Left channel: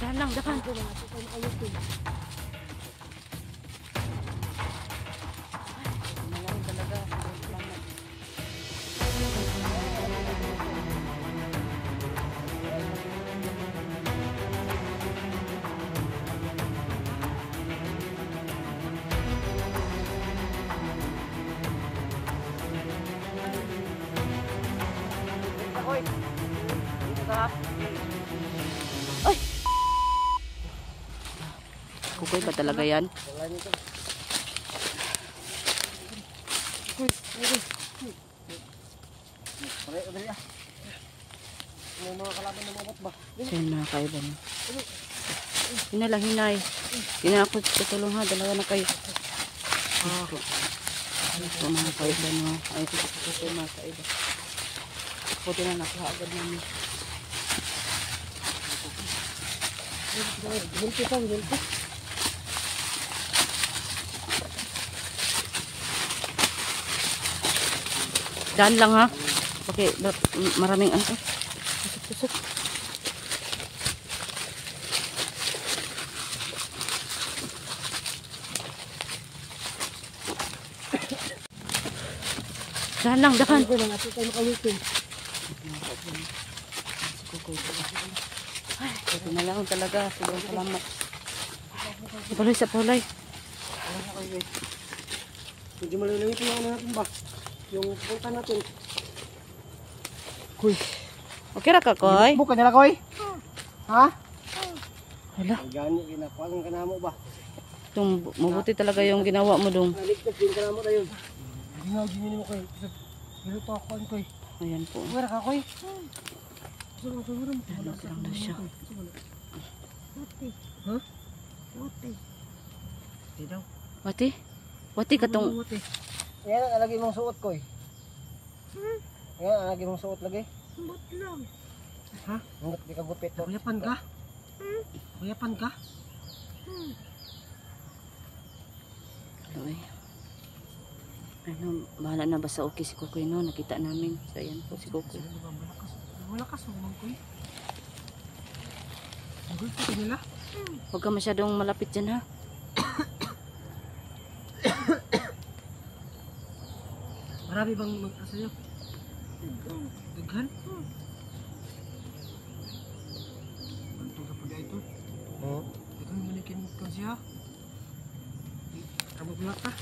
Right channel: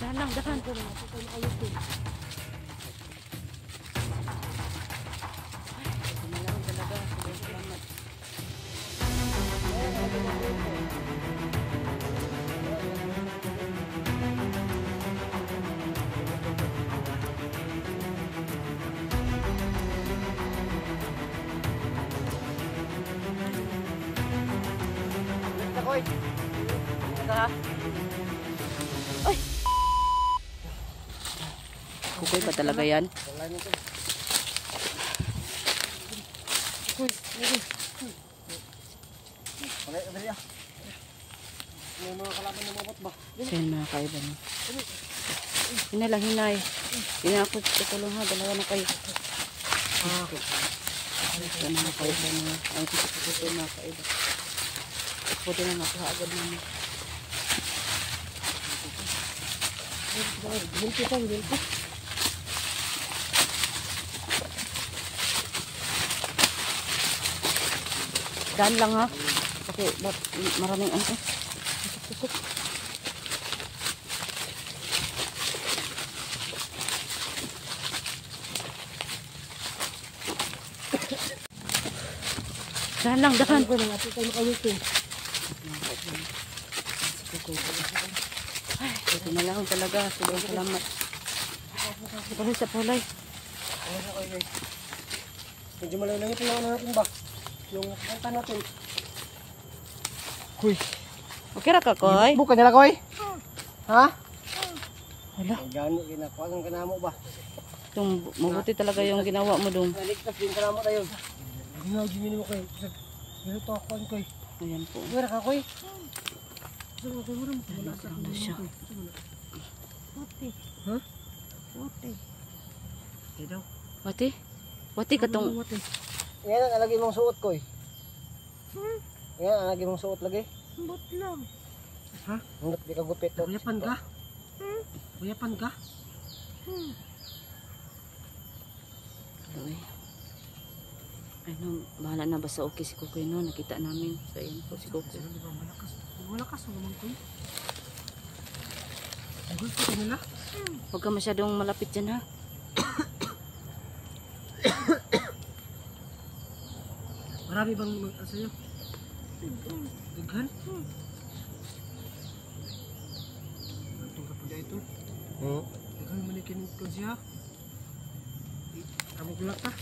Saan lang, dakan. Ito na, ito na ayos din. Ito na lang talaga. Salamat. Kukoy ba talaga yan? May mga kalaban na mabot ba? Yan mga kaiban. Hinalang hinay. Yan ako tutulong ha. Dalawa na kayo. Ito mga kaiban. Ay ito mga kaiban. Ako din na nakuha agad namin. Binti ka, binti. Daan lang ha. Okay, maraming ano. Susuk. Daan lang, dakan. Ito na, ito na ayos din. Ay, ito na lang talaga. Sobrang salamat. Pulay sa pulay. Medyo malayo ito na natin ba? Yung punta natin. Kuy. Okay ra ka, Koy? Buka nila, Koy? Ha? Hala. Gani, ginakuha ka na mo ba? Itong mabuti talaga yung ginawa mo dong. Naligtas din ka na mo tayo. Ginaw, gini mo, Koy. Ganito ako, Koy. Ayan po. Wala ka, Koy? Wala na siya. Wati. Ha? Wati. Di daw. Wati? Wati ka tong... Wati. Yan ang alagay mong suot, Koy. Yan ang alagay mong suot lagi. Ambot lang. Ha? Hindi di ka gupit. Kuyapan ka? Kuyapan ka? Ay. Ano, bahala na ba sa okay si Kukoy no? Nakita namin. So, ayan po si Kukoy. Di ba malakas? Malakas o naman, Koy? Gulpi ka nila? Huwag ka masyadong malapit dyan ha. Marami bang mag-asayo? Daghan? Bantong ka po dyan ito? Daghan manikin ko siya? Kamu pulak ka?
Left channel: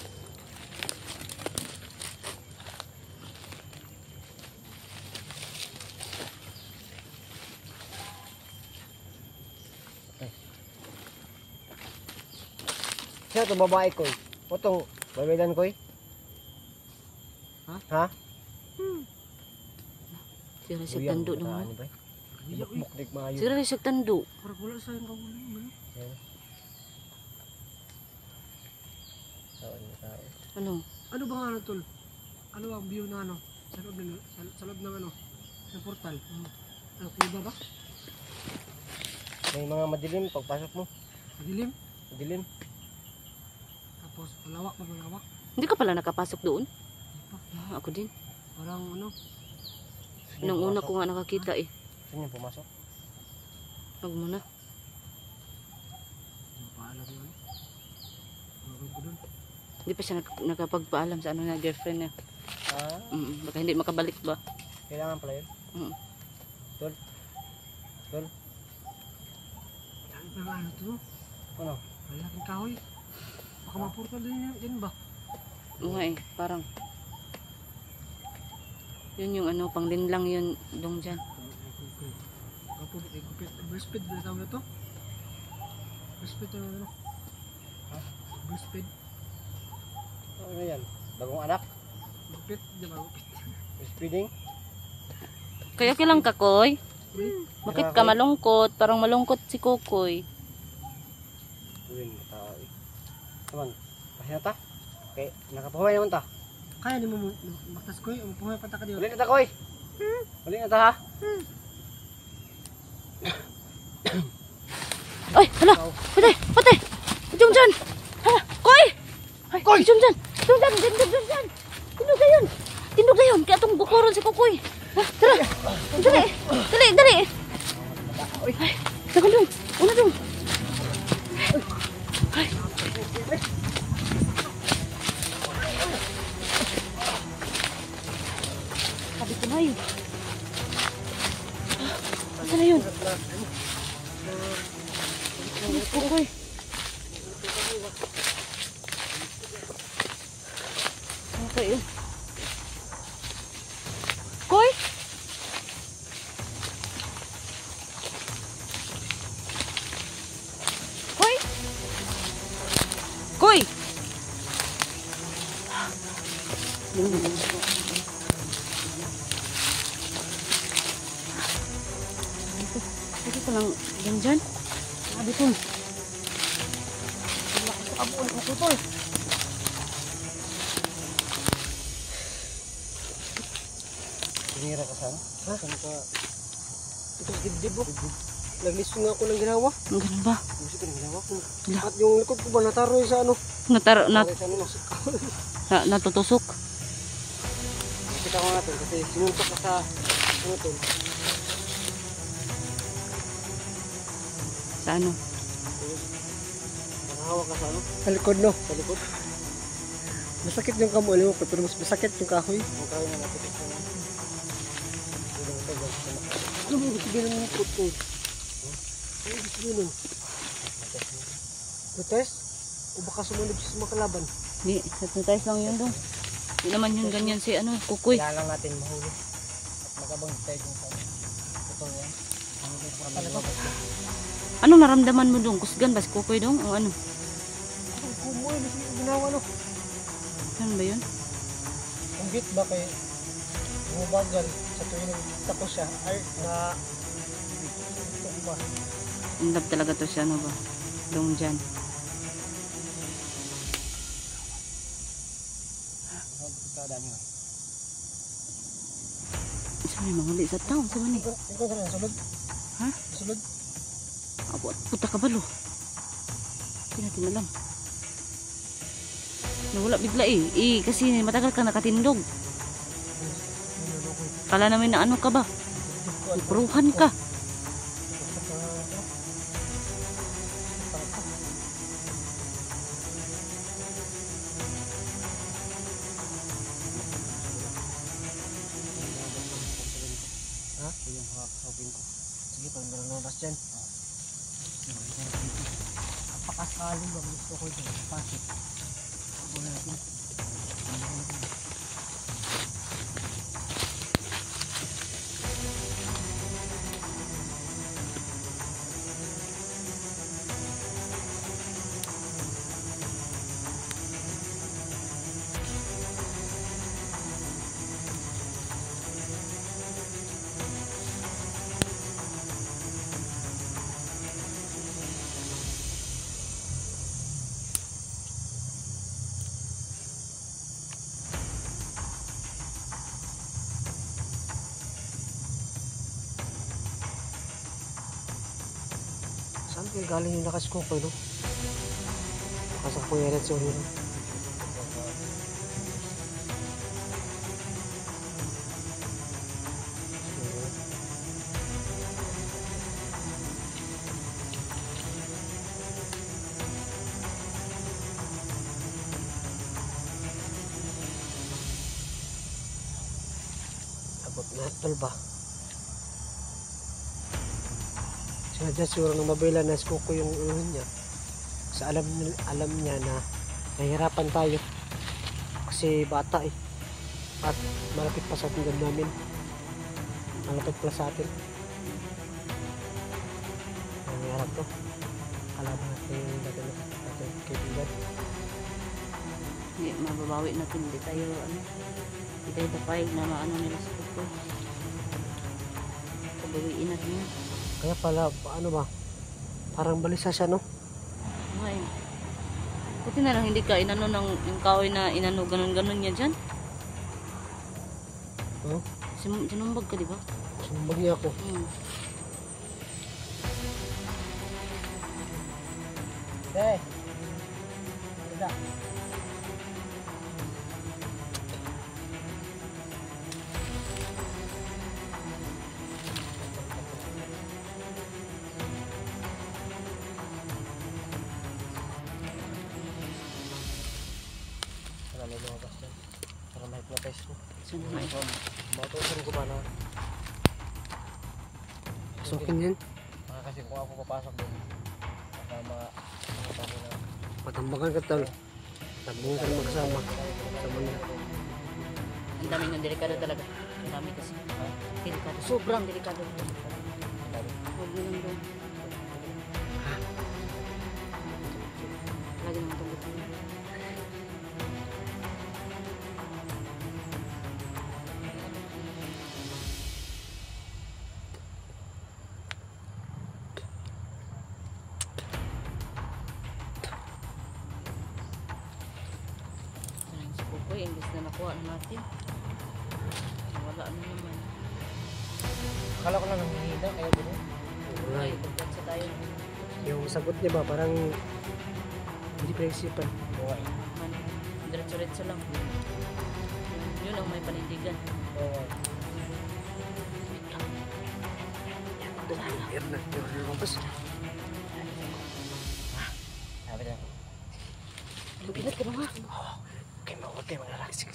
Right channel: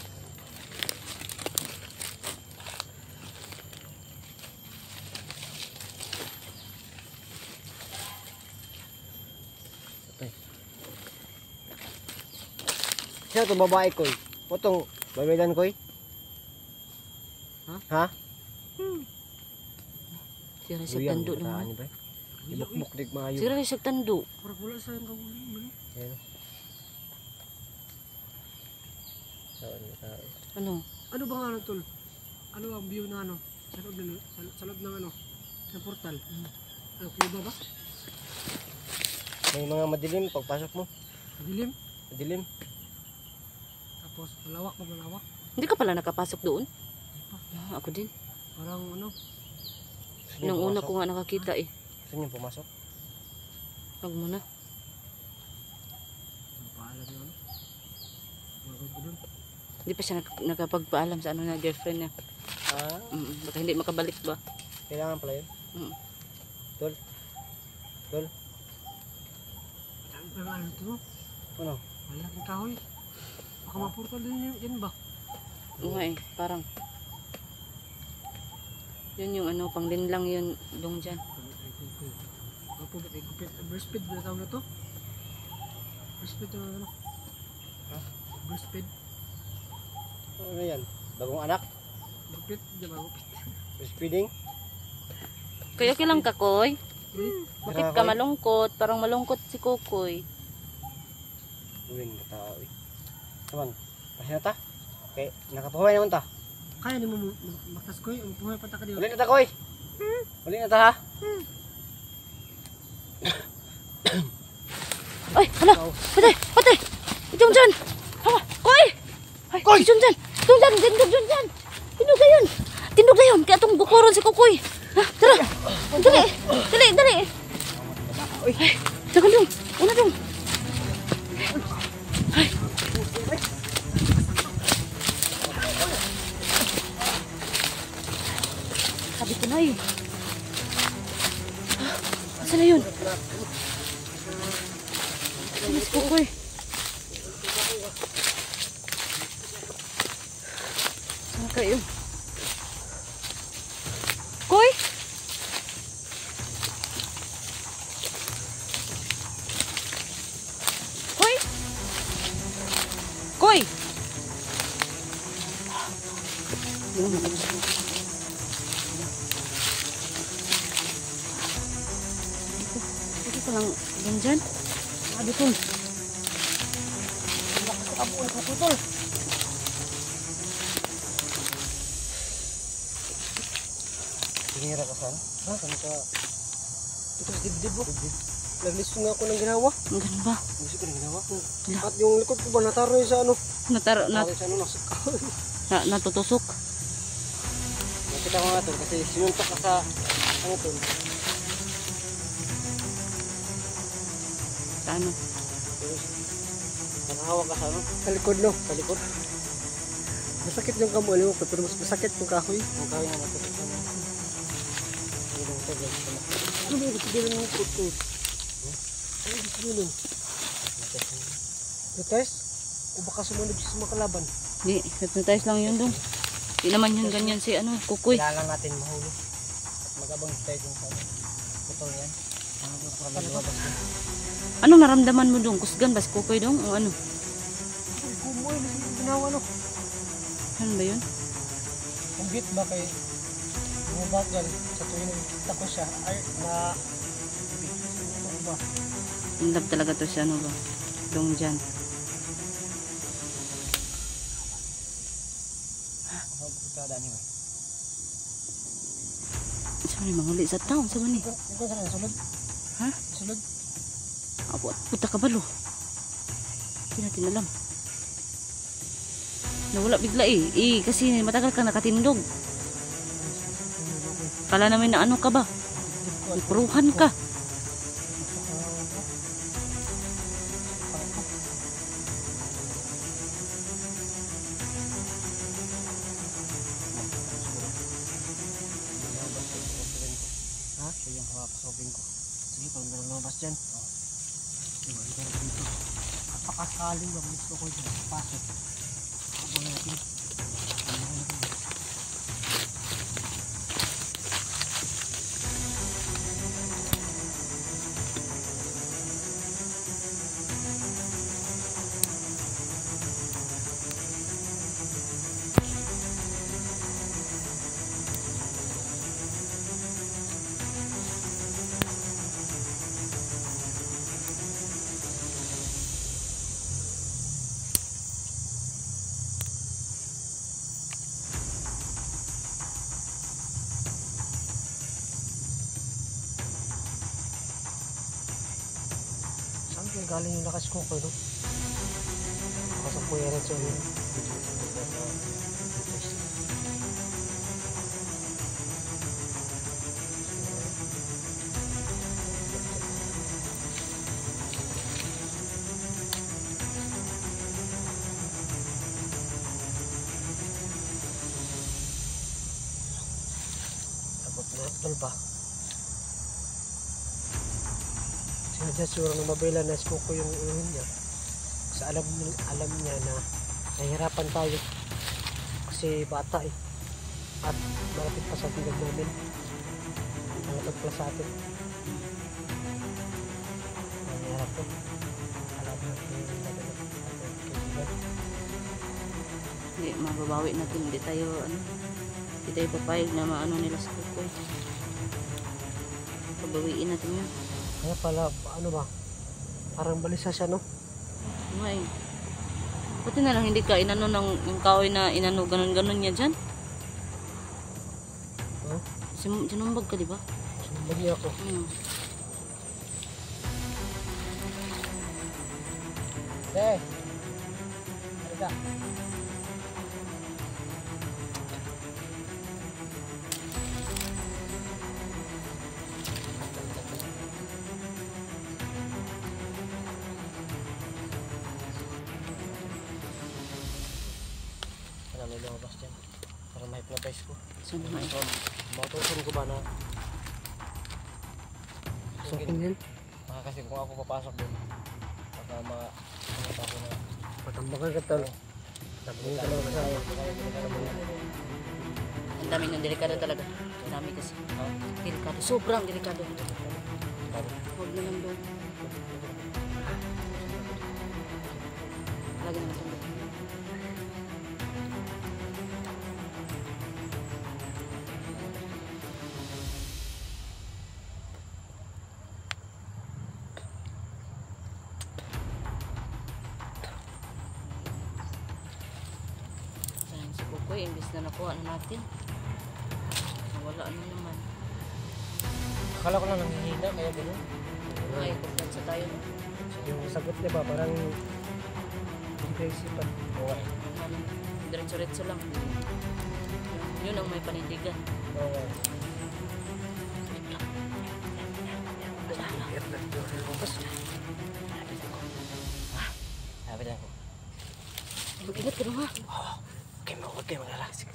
Sino itong babae, Koy? O itong babaylan, Koy? Ha? Sira siya tando dong na. Bukdik mga yun. Sira siya tando. Parang wala sa yung kawulin. Ano? Ano bang ano, tol? Ano ang view na ano? Sa loob ng ano? Ng portal. Ano, kuya ba? May mga madilim pagpasok mo. Madilim? Madilim. Tapos malawak ba malawak? Hindi ka pala nakapasok doon? Ah, ako din. Parang ano? Nung una ko nga nakakita eh. Saan yung pumasok? Huwag mo na. Mapaalam yung ano? Magod ko dun. Hindi pa siya nakapagpaalam sa ano na girlfriend niya. Baka hindi makabalik ba? Kailangan pala yun? Tol? Tol? Madami pa ano ito? Ano? Malaking kahoy. Baka mapurtal din yan ba? Oo nga eh, parang. Yun yung ano, panglinlang yun dong dyan. Gapo ba tayo gupit? Breastfeed ba tawag na to? Breastfeed na ano? Breastfeed? Ano yan? Bagong anak? Gupit? Diyan ba gupit? Breastfeeding? Kaya kilang ka, Koy? Bakit ka malungkot? Parang malungkot si Kukoy. Uwing tao eh. Naman, kasi na ta? Okay, nakapuhay naman ta. Kaya ni mo maktas koy, puhay pa ta ka diyo. Uli na ta koy. Uli na ta ha. Ay, hala! Pati! Pati! Itong dyan! Hala! Koy! Ay, Koy! itong dyan! Itong dyan! Itong dyan! Tindog na yun! Tindog na yun! Kaya itong bukuron si Kukoy! Tara! Dali! Dali! Dali! Ay, dagan dong! Una dong. Ay. Sabi ko na eh. Saan na yun? Mas Kukoy. Saan kayo? Koy? Koy? Koy? Sabi ko lang dyan. Sabi ko. Lakas sa kabuan ko tol. Tinira ka sana? Ha? Saan ka? Ito sa dibdib mo. Naglisod nga ako ng ginawa. Ang ganun ba? Naglisod ko ng ginawa ko. At yung likod ko ba nataroy sa ano? Nataroy sa ano? Natutusok. Nakita ko nga tol kasi sinuntok ka sa ano tol. Sa ano? Nakahawak ka sa ano? Sa likod no? Sa likod. Masakit yung kamo ano ko pero mas masakit yung kahoy. Yung kahoy na nakita ko. Ano ba yung gusto din ng likod ko? Ano yung gusto din? Protest? O baka sumunod siya sa mga kalaban? Hindi, hypnotize lang yun dong. Hindi naman yun ganyan si ano, Kukoy. Kailangan natin mahuli. Magabang tayo kung saan. Ito yan. Ano naramdaman mo dong? Kusgan ba si Kukoy dong? O ano? Ay, kumoy. Ano yung ginawa no? Ano ba yun? Ang hit ba kay bumabagal sa tuwing tako siya ay na ito ba? In love talaga to si ano ba? Dong dyan. Sorry, manguli sa taon. Sa mani? Ikaw saan ang sulod? Ha? Sulod? Apo, puta ka balo. Hindi natin alam. Nawala bigla eh. Kasi matagal kang nakatindog. Kala namin na ano ka ba? Puruhan ka. Ha? Yung hapasopin ko. Sige, pag nalabas dyan. Napakasakaling ba? Gusto ko dyan. Pasok. Ako natin. Saan kayo galing yung lakas ko no? Pasok ko yung red sorry. Abot na ito ba? Sinadya siguro ng mabela na ko yung ulo niya. Sa alam niya na nahihirapan tayo. Kasi bata eh. At malapit pa sa tinggan namin. Malapit pa sa atin. Nahihirap to. Alam natin yung dadala ating kaibigan. Hindi, mababawi natin. Hindi tayo, ano, hindi tayo papayag na maano nila sa Kukoy. Pabawiin natin yun. Kaya pala, ano ba? Parang balisa siya, no? Ay, buti na lang hindi ka inano ng kahoy na inano ganun-ganun niya dyan. Huh? Sinumbag ka, di ba? Sinumbag niya ako. Eh! Halika. Saan nga eh? Matusin ko ba na? Pasukin yan? Kasi kung ako papasok doon, kasama Patambakan ka tal. Sabihin ka naman kasama. Sama na. Ang dami ng delikado talaga. Ang dami kasi. Delikado. Sobrang delikado. Huwag na lang doon. Lagi naman itong dito. Sayang si Kukoy. Imbis na makuha na natin. Wala na naman. Akala ko lang nanginida, kaya gano'n. Ay, pagkansa tayo. Yung sagot niya ba, parang hindi ko isipan. Diretso-diretso lang. Yun ang may panindigan. Sabi na. Mag-ingat ka na nga. Okay, magalala. Sige.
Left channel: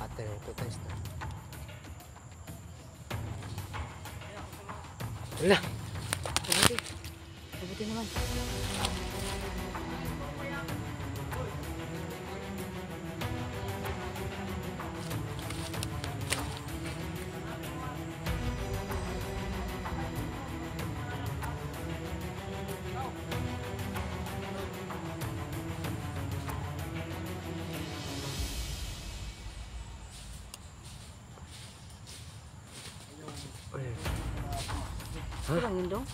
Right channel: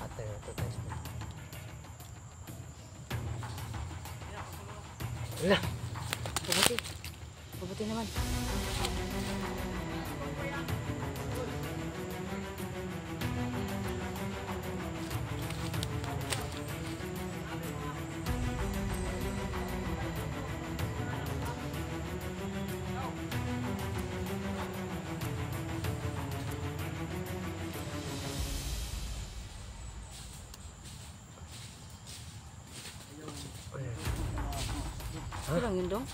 Ate, ito tayo na. Wala. Pabuti. Pabuti naman. Ito lang yun dong.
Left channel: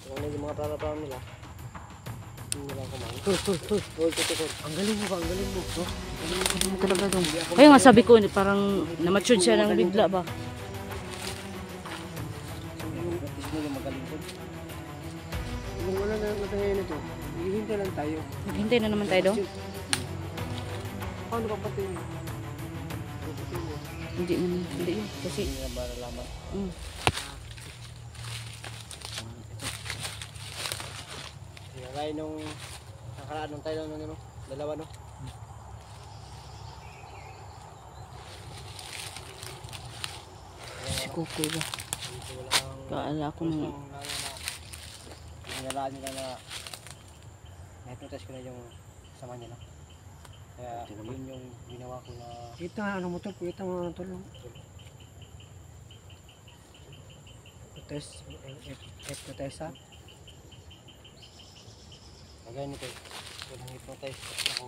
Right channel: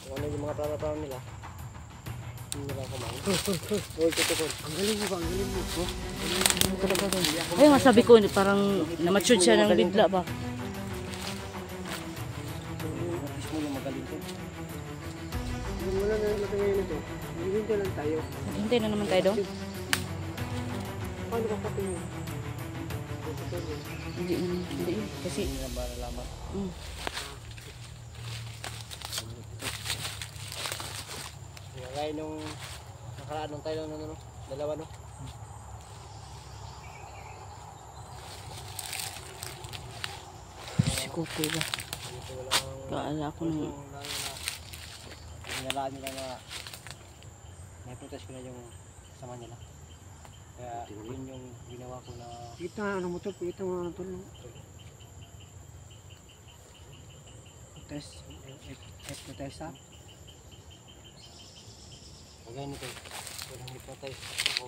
Kung ano yung mga plano nila, hindi nila kumain. Uy, tutukod. Ang galing mo ba? Ang galing mo. Oh, Ano talaga dong. Kaya nga sabi ko, parang namatsud siya ng bigla ba. Practice mo yung magaling ko. kung wala na lang tayo na ito, maghihintay lang tayo. Maghintay na naman tayo dong. Paano ka pati yun? Hindi naman. Hindi yun. Kasi, Hindi nila malalaman. Nilagay nung nakaraan nung tayo ng ano, dalawa no? si Kukoy ba? Kaala ko nung Hinalaan nila na na-protest ko na yung kasama nila. Kaya yun yung ginawa ko na Kita ano mo to, kita mo ano to. Test, F-test ha? kagaya nito. Walang hypnotize ako.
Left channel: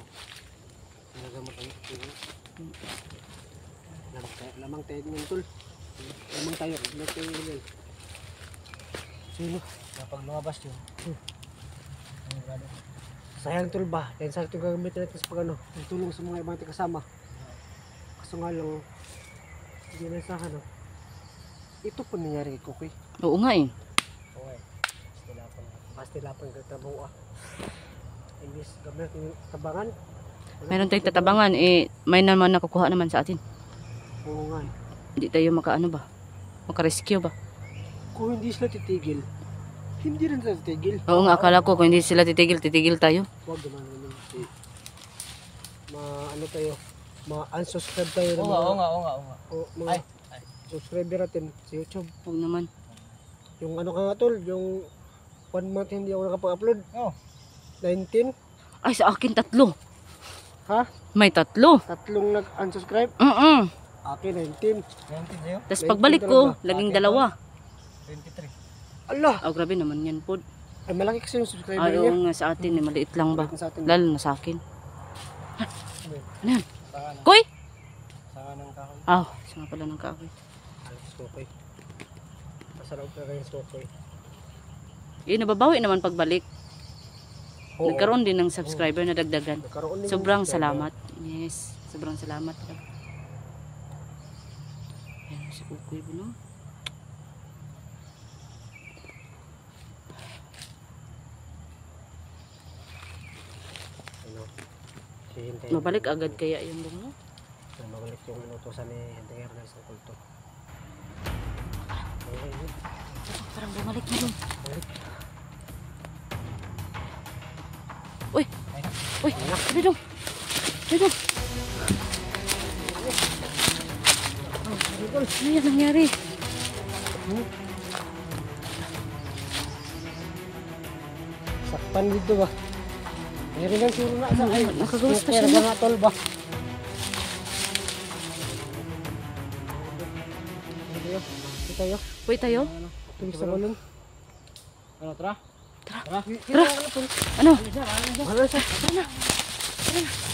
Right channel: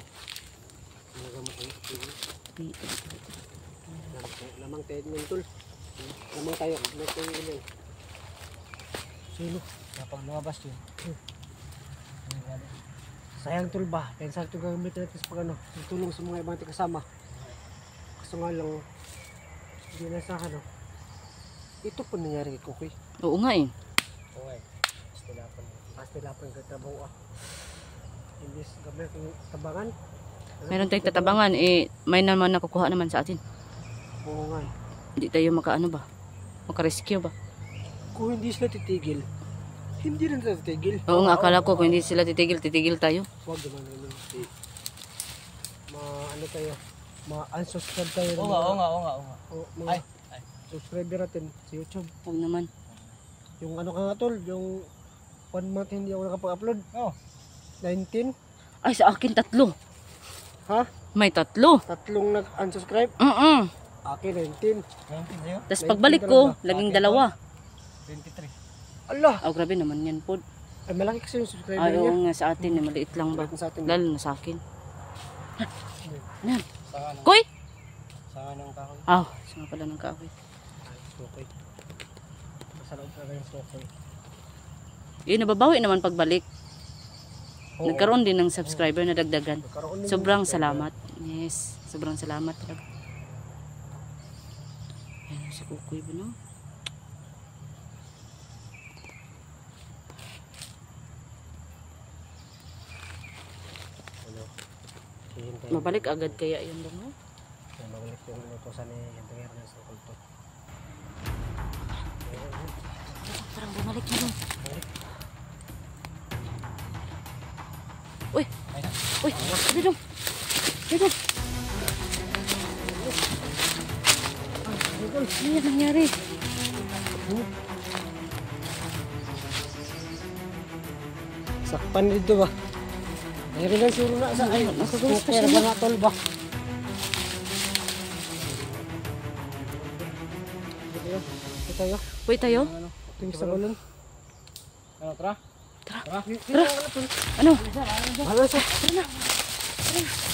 Ginagamot ang ito. Lamang tayo ng tul. Lamang tayo. Sino? Kapag lumabas yun, Sayang tul ba? Yan sa ito gagamitin natin sa pag ano, tulong sa mga ibang kasama. Kaso nga lang, hindi na sa ano. Ito po nangyari kay Kukoy. oo nga eh. okay. Basta lapang katabaw ah. Imbis gamit yung tabangan. Mayroon tayong tatabangan eh. May naman nakukuha naman sa atin. Oo nga eh. Hindi tayo makaano ba? Makarescue ba? Kung hindi sila titigil, hindi rin sila titigil. Oo nga, akala ko kung hindi sila titigil, titigil tayo. Huwag naman naman. Ano tayo? Ma-unsubscribe tayo. Oo nga, oo nga, oo nga, oo nga. Ay. Subscriber natin sa YouTube. Huwag naman. Yung ano ka nga tol, yung 1 month hindi ako nakapag-upload. Oh. 19. Ay, sa akin 3. Ha? May 3. Tatlong nag-unsubscribe. Akin 19. 19 sa'yo? Tapos pagbalik ko, laging 2. 23. Allah! Oh, grabe naman yan po. Ay malaki kasi yung subscriber Ay, oo niya. nga, sa atin eh, maliit lang ba? Balik na sa atin. Lalo na sa akin. Ano yan? Sanga ng, Koy? sanga ng kahoy. Ah, sanga pala ng kahoy. Skokoy. Masarap ka rin skokoy. Yun, nababawi naman pagbalik. Oo. Nagkaroon din ng subscriber na dagdagan. Nagkaroon din Sobrang yung- salamat. Yes, sobrang salamat talaga. Ayan, si Kukoy ba, no? Ano, hihintayin. Mabalik agad kaya yung bungo. Mabalik yung inutosan ni Ernest sa kulto. Parang bumalik na dun. Uy! Uy! Sabi dong! Sabi dong! Ano yung nangyari? Sakpan dito ba? Meron lang sila na sa Nakagawas pa kaya sila. mga tol ba? Ito tayo. Uy, tayo? Tingin sa balon. Ano, tara? Tara. Tara. Ano? Ano siya? Tara na. Tara na.